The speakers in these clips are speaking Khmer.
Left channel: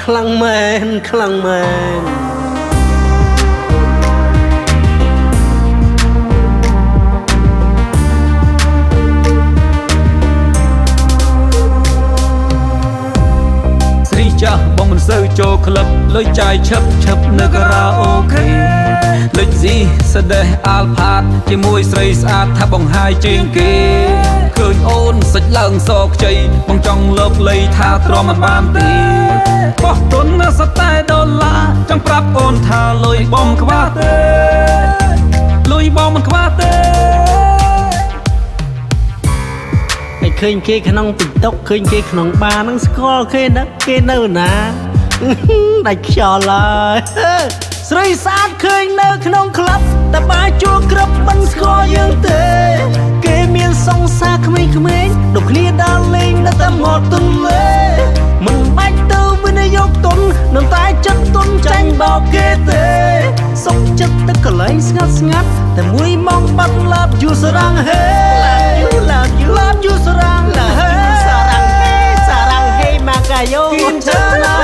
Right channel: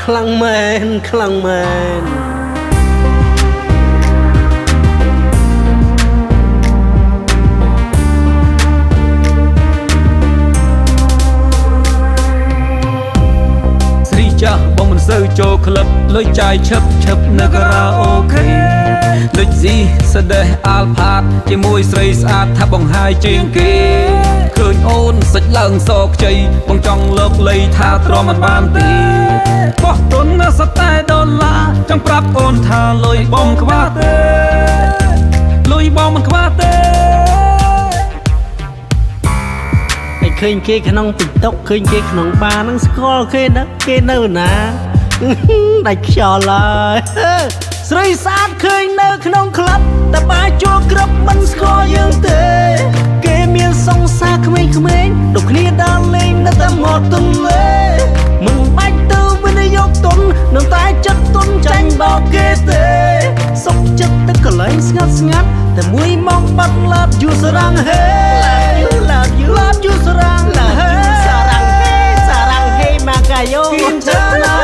ខ្លាំងមែនខ្លាំងមែនស្រីចាស់បងមិនសូវចូលក្លឹបលុយចាយឈឹបនៅការ៉ាអូខេលុយស៊ីស្ដេះអាល់ផាតជាមួយស្រីស្អាតថាបងហាយជាងគេឃើញអូនសាច់ឡើងសខ្ចីបងចង់លើកលៃថាទ្រាំមិនបានទេបោះទុនសតែដុល្លារចង់ប្រាប់អូនថាលុយបងខ្វះទេលុយបងមិនខ្វះទេឃើញគេក្នុងTikTokឃើញគេក្នុងបារនឹងស្គាល់គេណាគេនៅណាដាច់ខ្យល់ហើយស្រីស្អាតឃើញនៅក្នុងក្លឹបតែបាជួក្រឹបមិនស្គាល់យើងទេគេមានសង្សារក្មេងៗដូចគ្នាដើរលេងនៅតាមមាត់ទន្លេមិនបាច់ទៅវិនិយោគទុននឹងតែចិត្តទុនចាញ់បោកគេទេសុខចិត្តទៅកន្លែងស្ងាត់តែមួយម៉ោងបាត់ឡាប់យូសារ៉ាំងហេឡាប់យូសារ៉ាំងហេម៉ាកាយ៉ូគិនឆាណា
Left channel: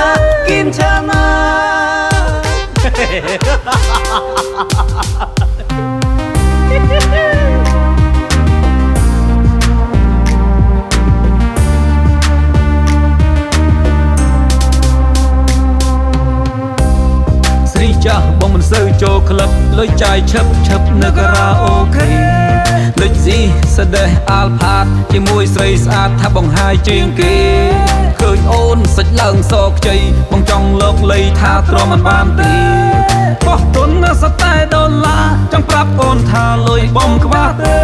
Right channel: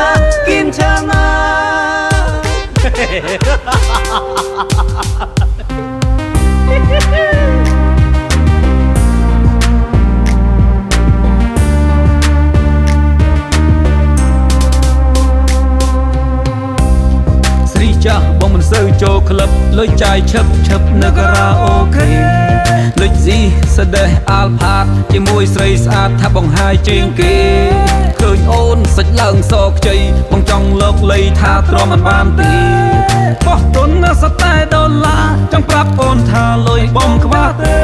ស្រីចាស់បងមិនសូវចូលក្លឹបលុយចាយឈឹបនៅការ៉ាអូខេលុយស៊ីស្ដេះអាល់ផាតជាមួយស្រីស្អាតថាបងហាយជាងគេឃើញអូនសាច់ឡើងសខ្ចីបងចង់លើកលៃថាទ្រាំមិនបានទេបោះទុនសតែដុល្លារចង់ប្រាប់អូនថាលុយបងខ្វះទេ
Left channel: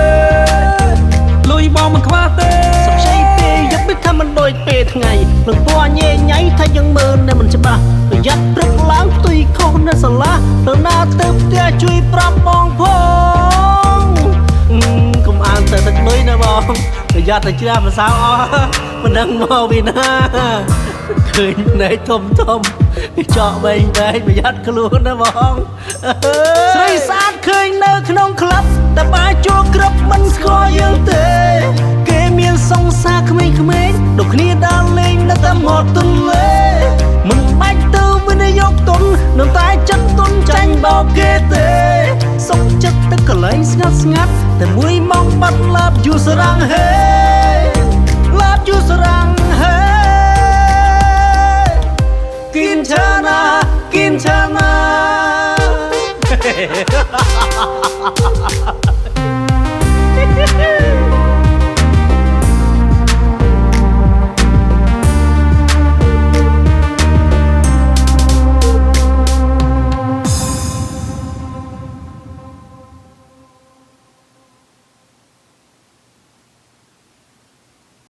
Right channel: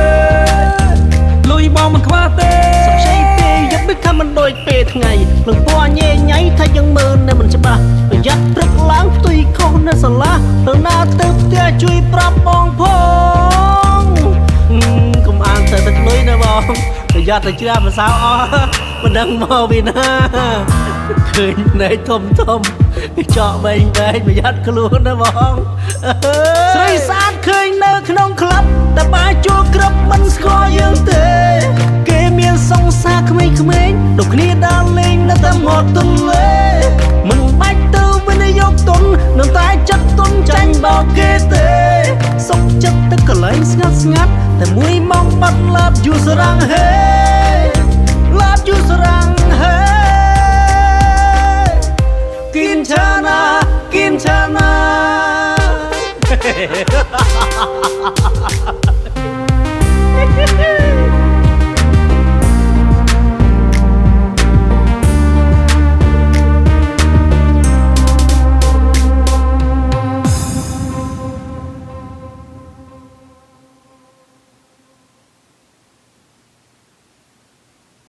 លុយបងមិនខ្វះទេសុខใจពេកយឹកមិនខំមិនដូចពេលថ្ងៃនឹងពណ៌ញ៉េញ៉ៃថាយើងមើលនៅមិនច្បាស់ប្រយ័ត្នព្រឹកឡើងផ្ទុយខុសនៅសាលាទៅណាទៅផ្ទះជួយប្រាប់បងផងកុំអានទៅទឹកលុយណាបងប្រយ័ត្នទៅជ្រះម្សៅអស់មិនដឹងមកពីណាឃើញណែធំចកវែងប្រយ័ត្នខ្លួនណាបងស្រីស្អាតឃើញនៅក្នុងក្លឹបតែបាជួក្រឹបមិនស្គាល់យើងទេគេមានសង្សារក្មេងៗដូចគ្នាដើរលេងនៅតាមមាត់ទន្លេមិនបាច់ទៅវិនិយោគទុននឹងតែចិត្តទុនចាញ់បោកគេទេសុខចិត្តទៅកន្លែងស្ងាត់តែមួយម៉ោងបាត់ឡាប់យូសារ៉ាំងហេគិនឆាណា